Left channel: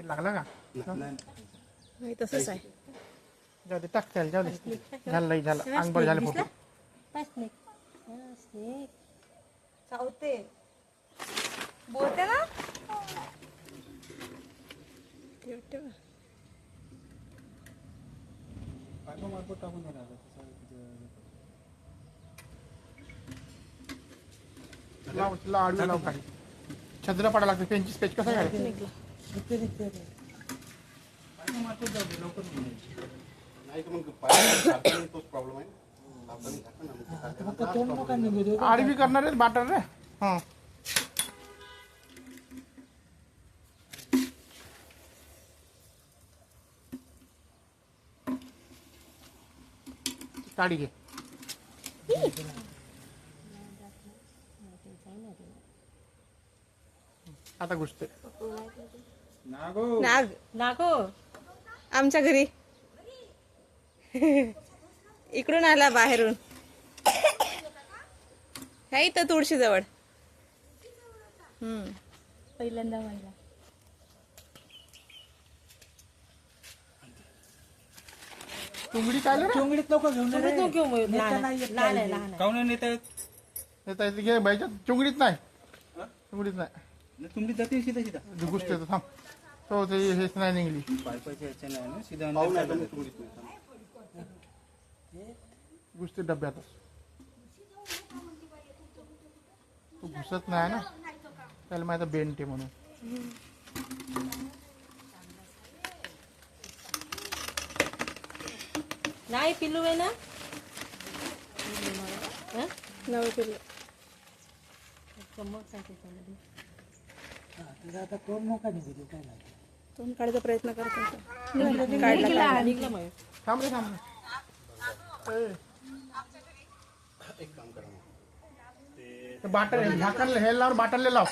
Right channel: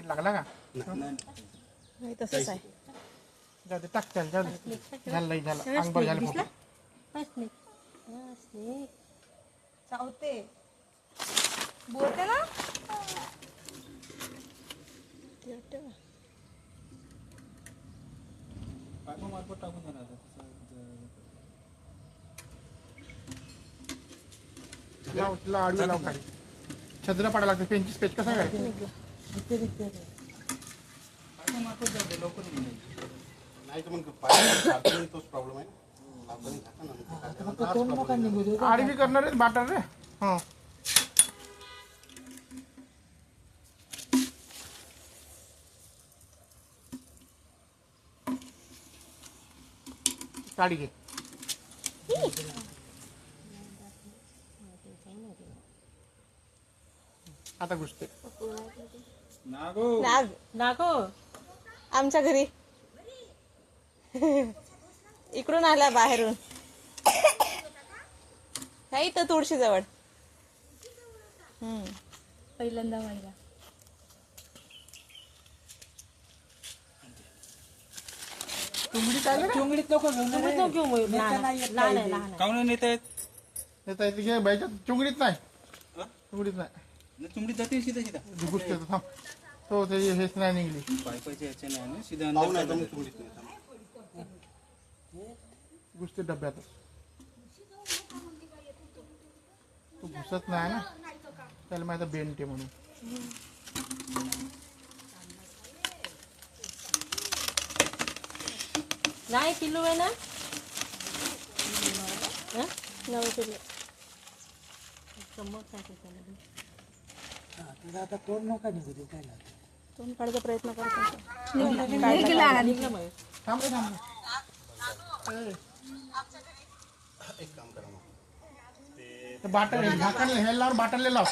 पाटील लागला का नाही तसंच आहे. जाऊ दे टाक त्याला जाऊ दे झालं लई झालं अंगभर झालं फुटलं. चावते बोलते ना लाव तिला आडवी लाव खाली छत्रीला पाडायला लागतं पेनची पेज कसं करायचं नाही तर मग पाय तोच प्रॉब्लेम आहे. आडवी करणार आहे बाटर रे. हां साडी घे आता घुसते नाग नागो आमच्या घरी इकडून आला बाहेरून हे इथं तुळशी जवळ. पहिल्यांदा व्हायला चुंगडी काय चुंगडीत लोक घेऊन काऊन नेता येत येता येते घे बाईच्या चुंगडीत नाही चुंगडीत नाही चुंगडीत जाते सीधा सीधा घुसते तर थांब हो ते हेच नाही निघली पायपायच्या याच्या नाही ना सीधा पाहू अंदर नाही तर चालू. मग चुंगडीत नाही. घुसते डब्यातच तू घुसत नाही ना त्याला माहिती बेंटे म्हणून. नाही पिल्लू आहे ना आता कोण नका निघू दे काय नाही. तोंड काढायचा प्रयत्न करतो. थांब रे थांब एक काम करा मग बाटल झाकण हे लाव बाटल लाव